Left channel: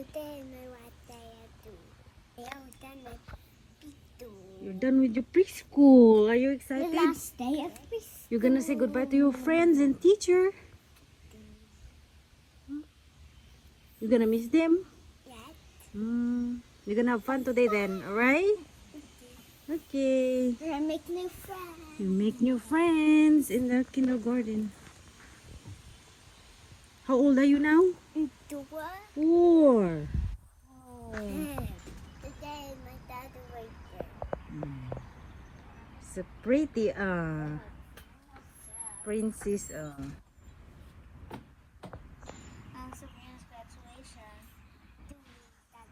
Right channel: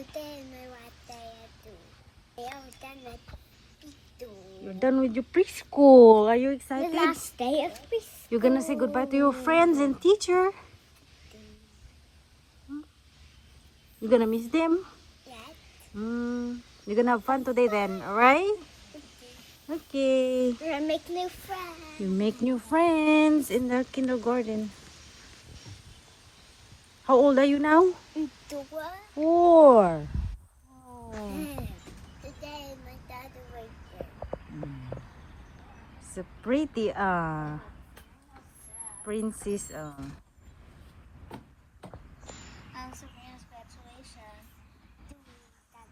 Today my what I do. I am done with You're done with your preschool. Are you excited? the last day of preschool. You're gonna say goodbye to your friends and teacher. You're gonna miss them? Yes. You're gonna have fun today then, alright? Okay. We're gonna make new friends. You make new friends in the kindergarten. How old are you now? 4. Oh. Today my dad will It's a pretty princess. also congratulations to that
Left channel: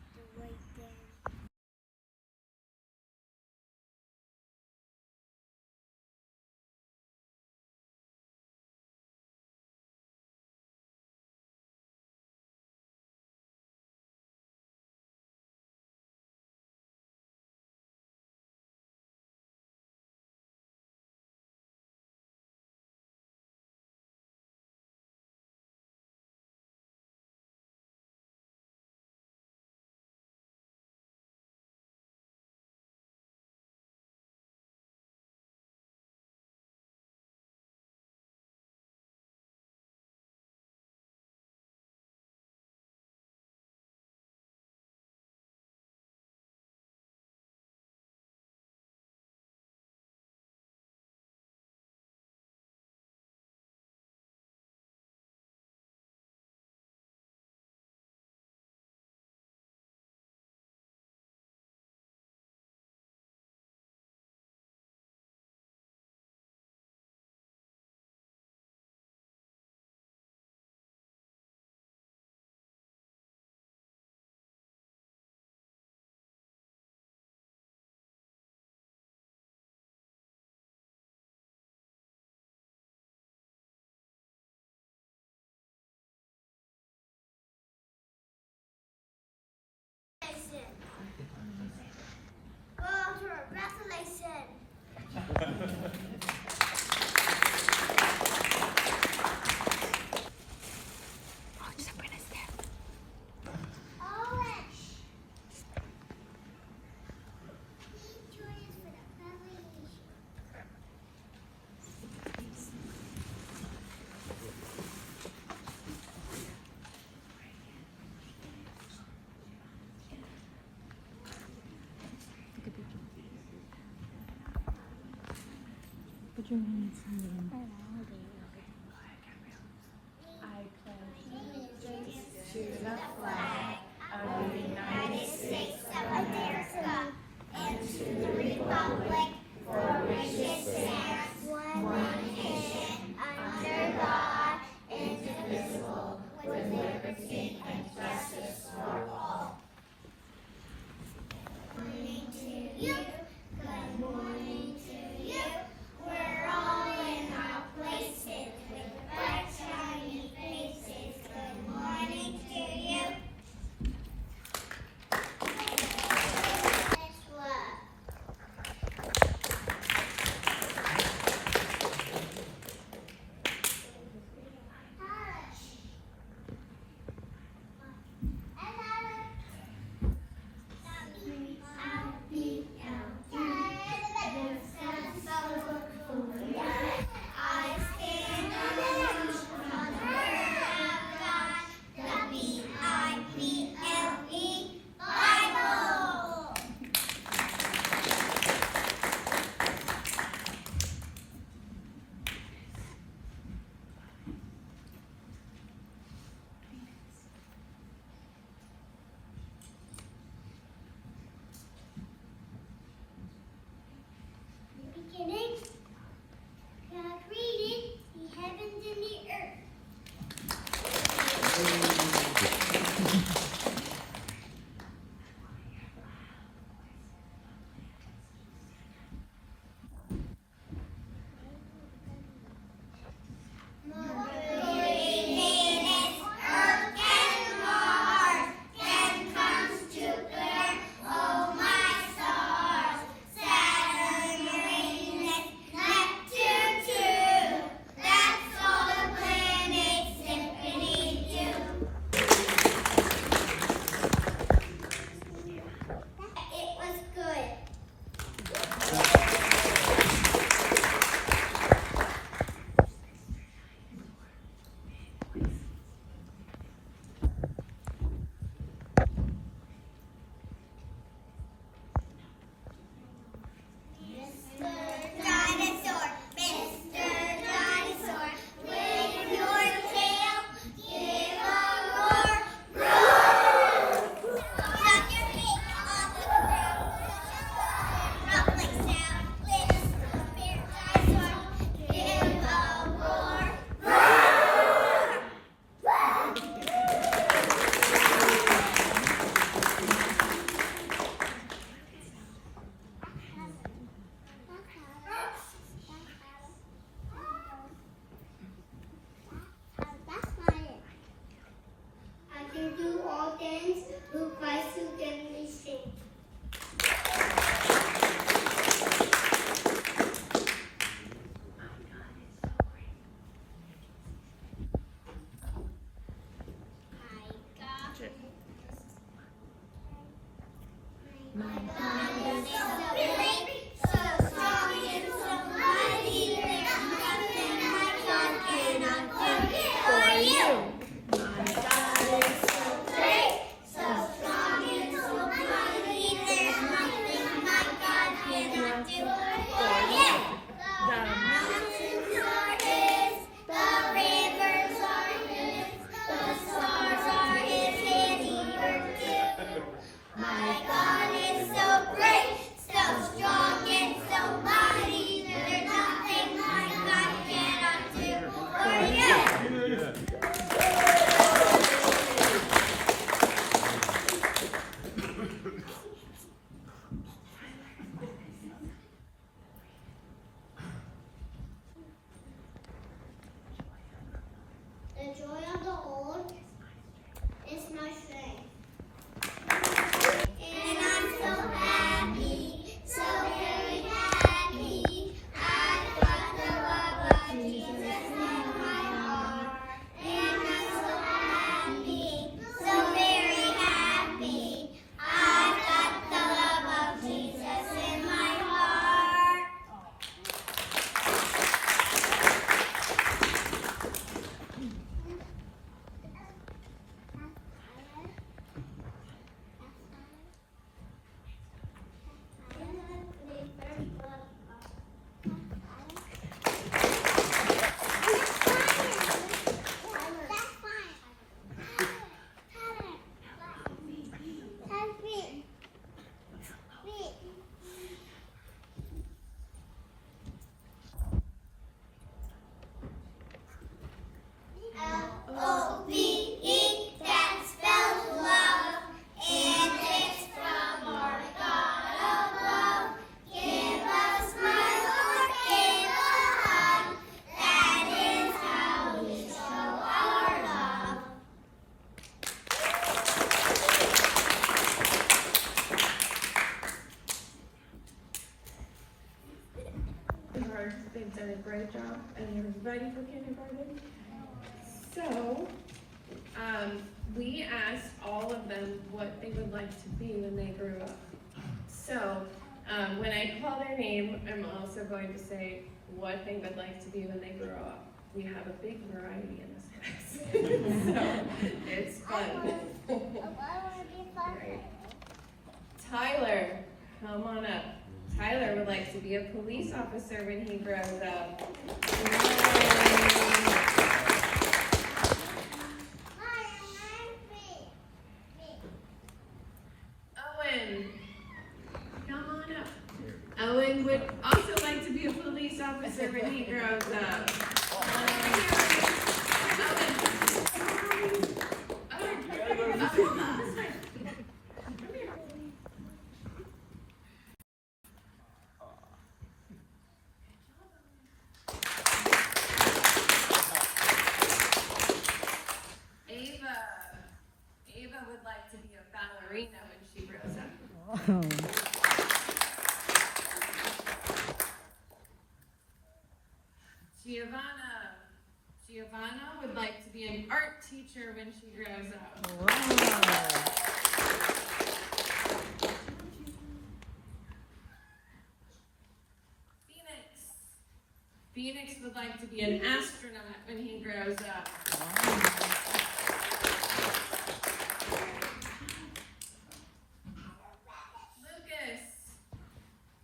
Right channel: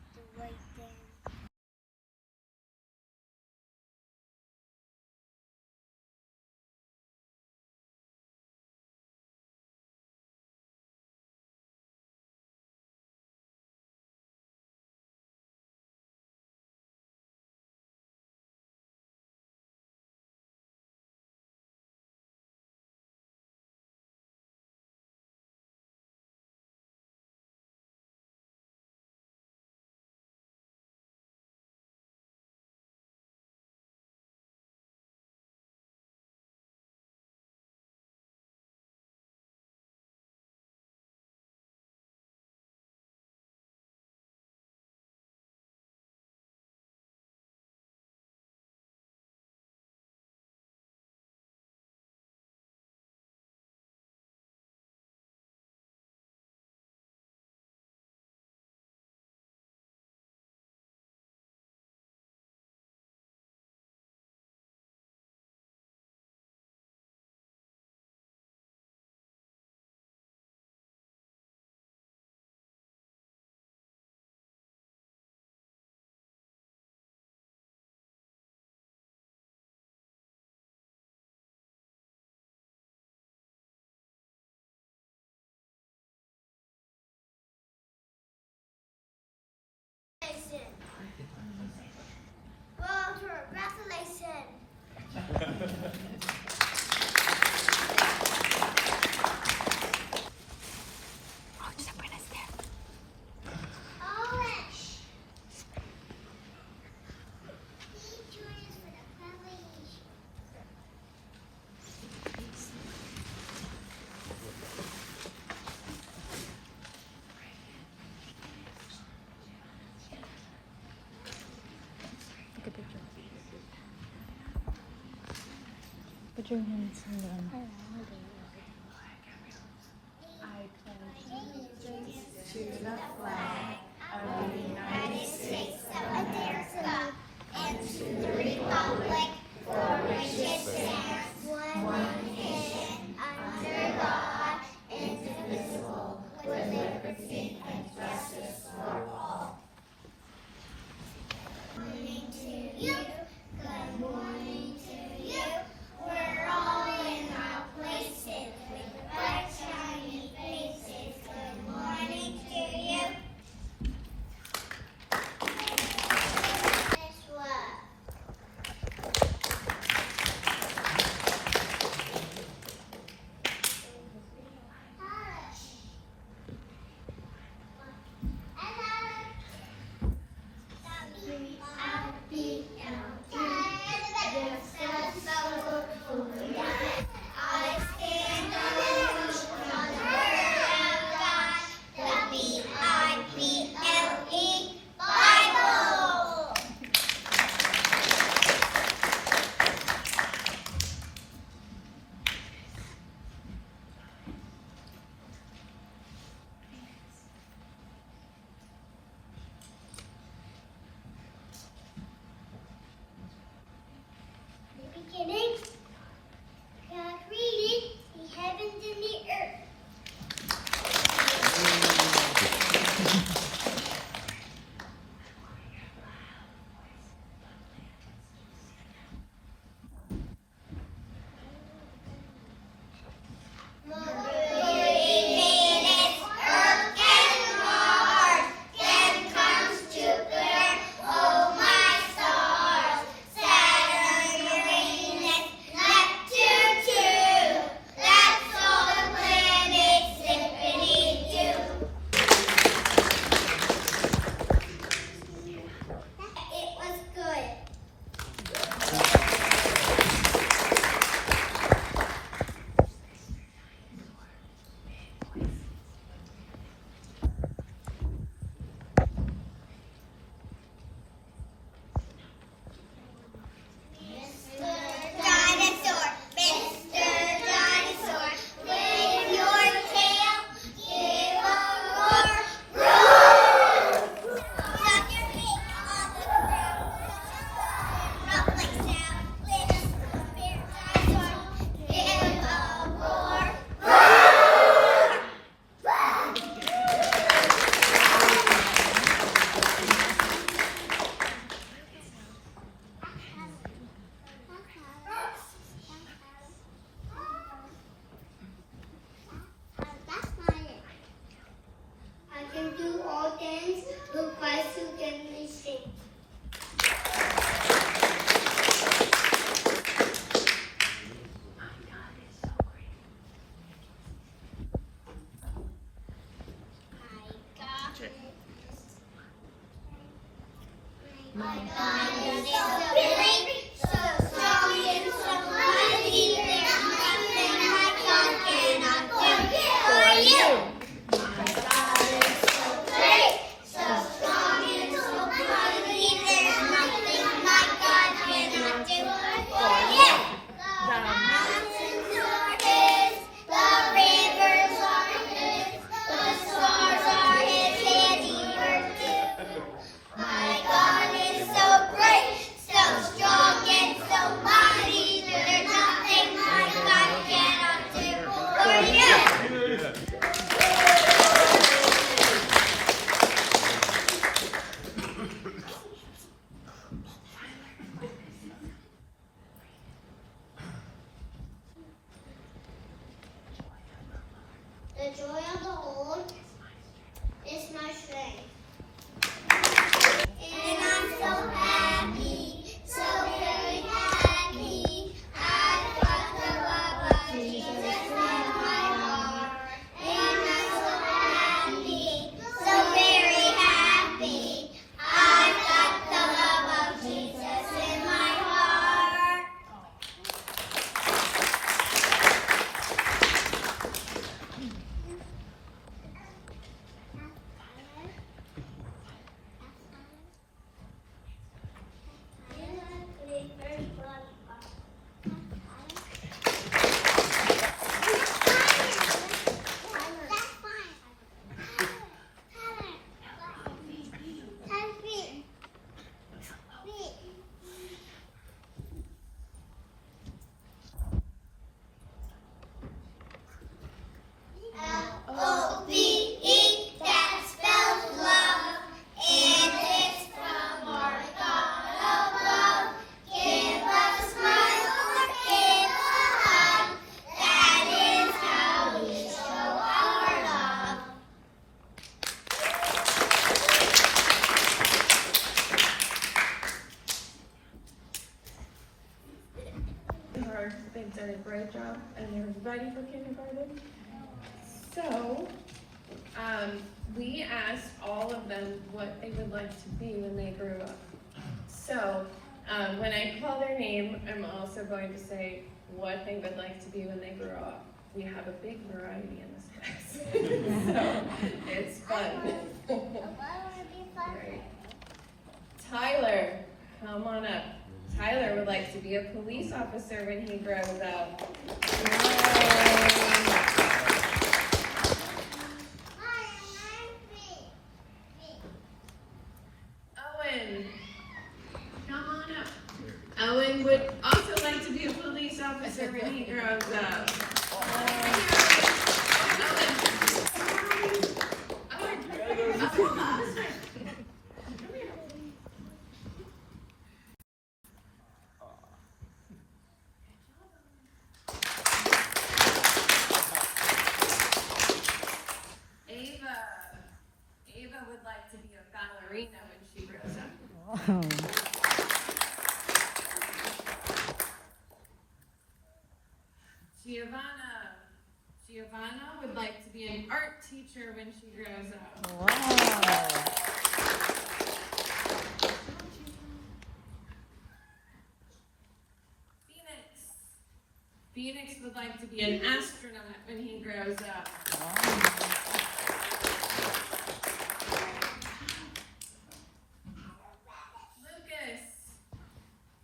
waiting. Walter, congratulations. Oh, just a princess there. Orange. Choose for the family. Take a picture. Put your hands in the God is so great, so strong and so mighty. There's nothing my God cannot do for you. My God is so great, so strong and so mighty. There's nothing my God cannot do for you. The mountains are His, the rivers are His, the stars are His handiwork too. My God is so great, so strong and so mighty. There's nothing my God cannot do for you. The joy of the Lord is my strength. And I'm so happy, so very happy. I've got the love of Jesus in my heart. And I'm so happy, so very happy. I've got the love of Jesus in my heart. L-O-V-E, that spells love, and it's from our God above. Give a smile or give a hug, that is how we show our love. They've done a great job and they're ready for kindergarten. So, we asked all of them what they would like to be when they grew up. So, when I call their name, I'm also going to say what they would like to be when they grow up. We have a big variety in this class. So, it's fun. Right. Tyler, come on up. Tyler would like to be a police officer when he grows up. Owen, come on up. Owen would also like to be a police officer when he grows up. Ava would like to be a ballerina when she grows up. Wow. Giovanna would like to be an art teacher when she grows up. Wow. Phoenix would like to be an astronaut when he grows up.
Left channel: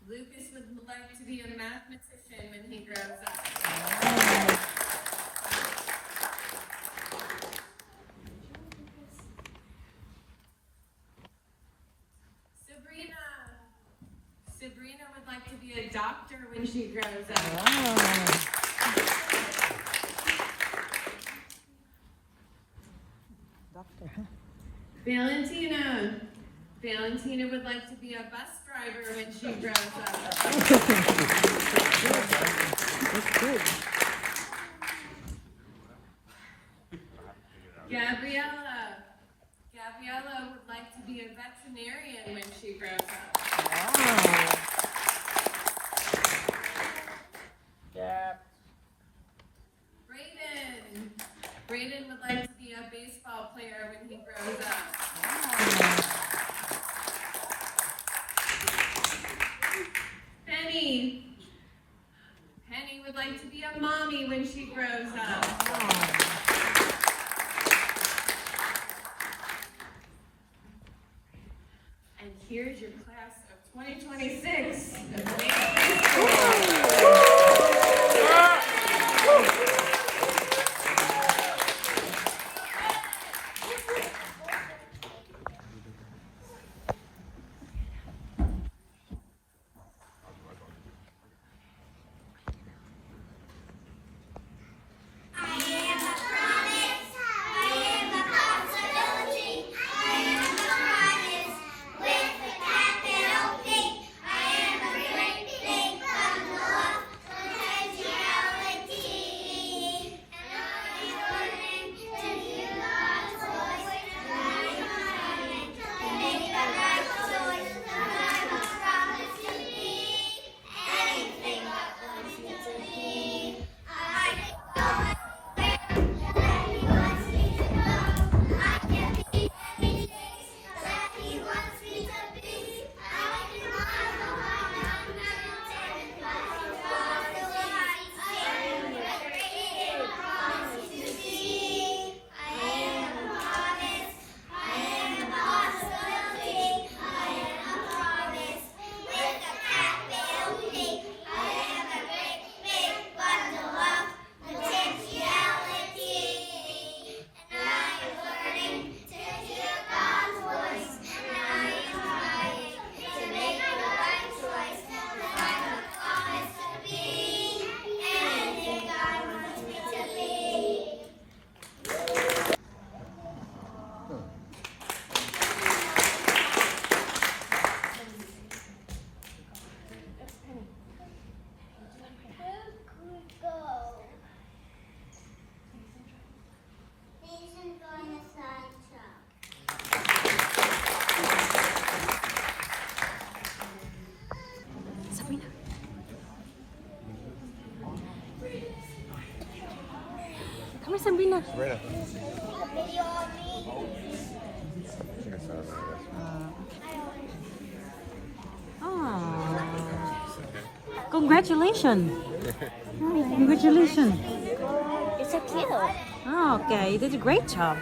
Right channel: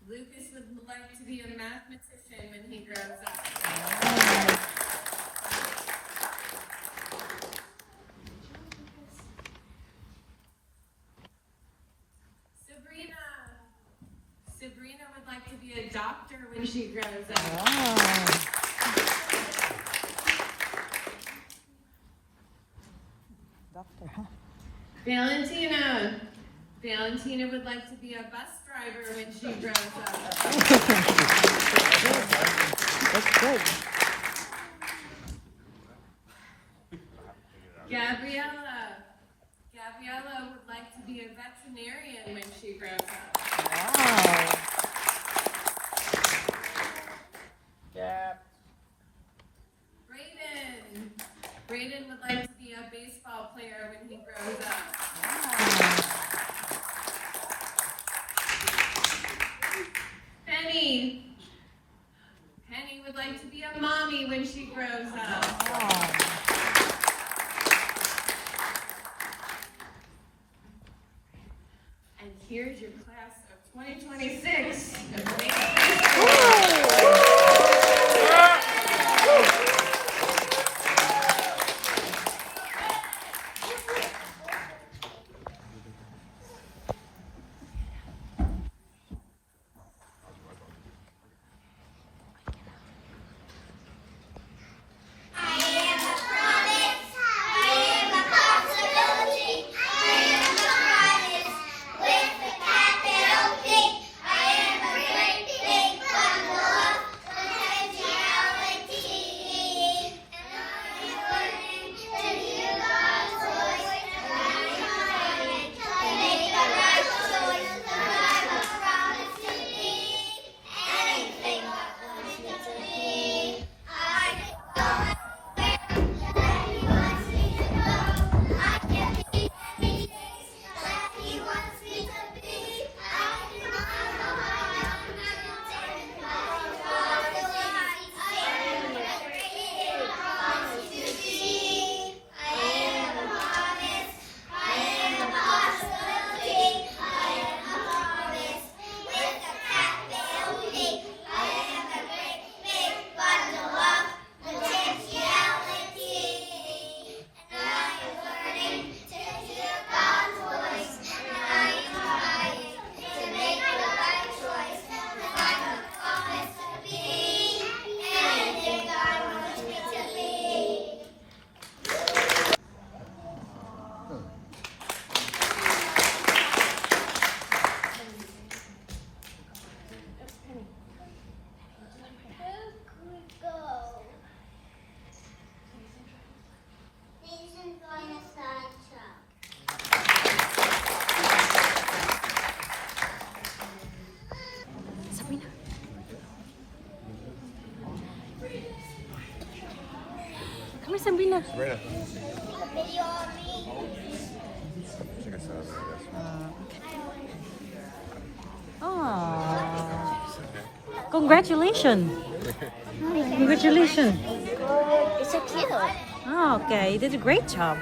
Lucas would like to be a mathematician when he grows up. Sabrina would like to be a doctor when she grows up. Wow. Doctor, huh? Valentina would like to be a bus driver when she grows up. That's good. Gabriella would like to be a veterinarian when she grows up. Wow. Brayden would like to be a baseball player when he grows up. Wow. here's your class of 2026. I am a promise. I am a possibility. I am a promise with a capital P. I am a great big bundle of potentiality. And I am learning to hear God's voice. And I am trying to make the right choice. And I'm a promise to be anything God wants me to be. I am that He wants me to go. I can be anything that He wants me to be. I can climb a high mountain, but He follows the light. I am everything He promised to be. I am a promise. I am a possibility. I am a promise with a capital P. I am a great big bundle of potentiality. And I am learning to hear God's voice. And I am trying to make the right choice. If I am promised to be anything God wants me to be. Where could we go? Reason for the sideshow. Come on, Sabrina. Video of me. Oh. Congratulations. Congratulations. It's so cute. Oh, okay, you did a great job.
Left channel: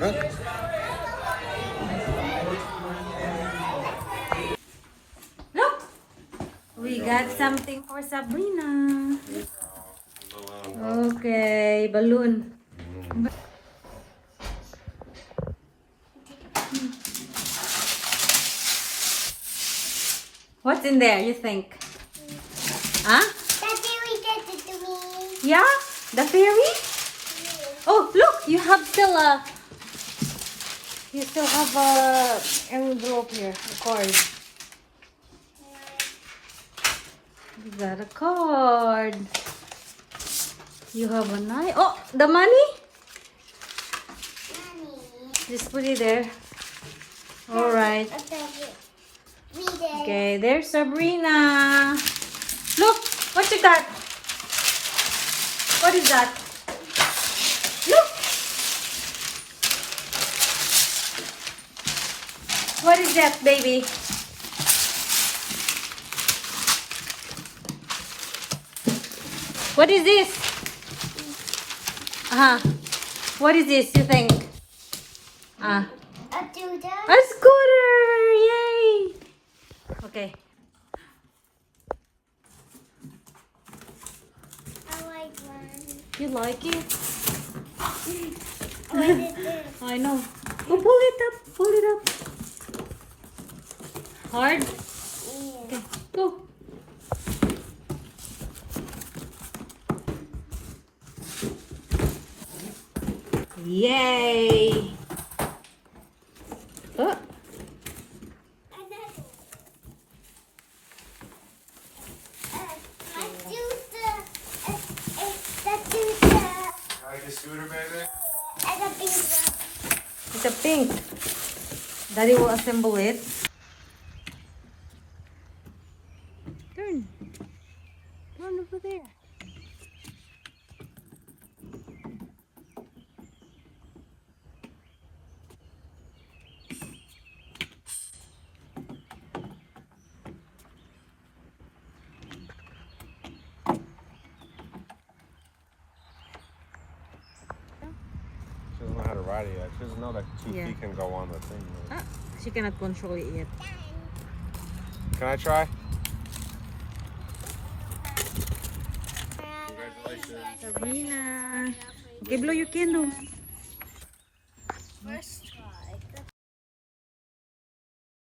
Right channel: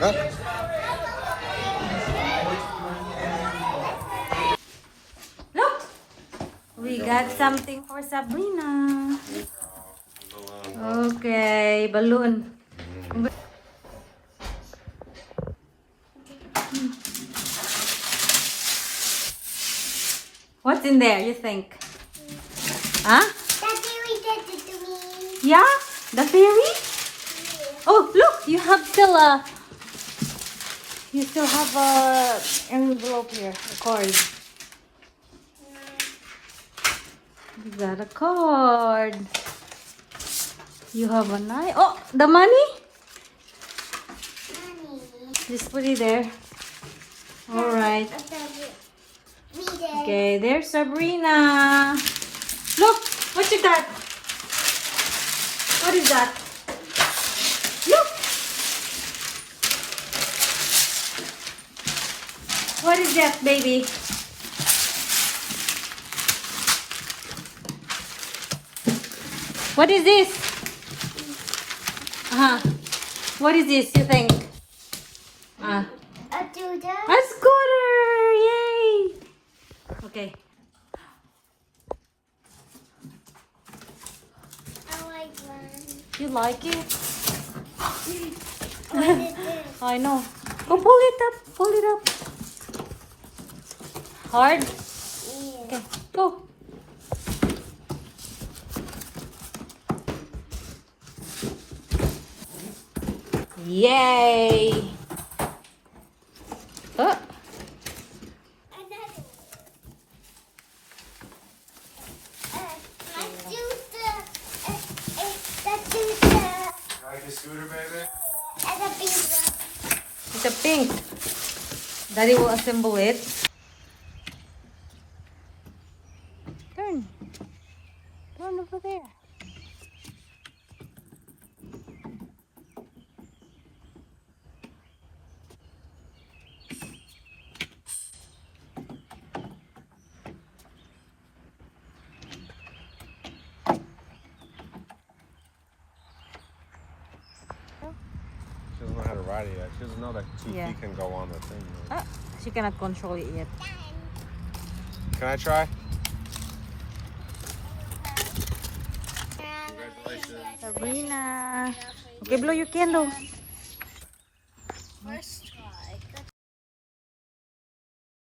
Huh? Look! We got something for Sabrina. Okay, balloon. What's in there, you think? Huh? Daddy, we did it to me. Yeah? The fairy? Oh, look! You have still a... You still have a envelope here, a card. You got a card. You have a knife. Oh, the money? Mommy. Just put it there. Alright. We did. Okay, there's Sabrina. Look, what you got? What is that? Look. What is that, baby? What is this? What is this, you think? A doodle. A scooter! Yay! Okay. I like one. You like it? I know. Oh, pull it up. Pull it up. Hard? Okay, go. Yay! Oh, Another. Let's do the Like a scooter, baby? and a pizza. it's a pink. Daddy will assemble it. Turn. Turn over there. She doesn't know how to ride it yet. She doesn't know that 2 Yeah. feet can go on the thing. Ah, she cannot control it yet. Can I try? Congratulations. Sabrina. Okay, blow your candle. First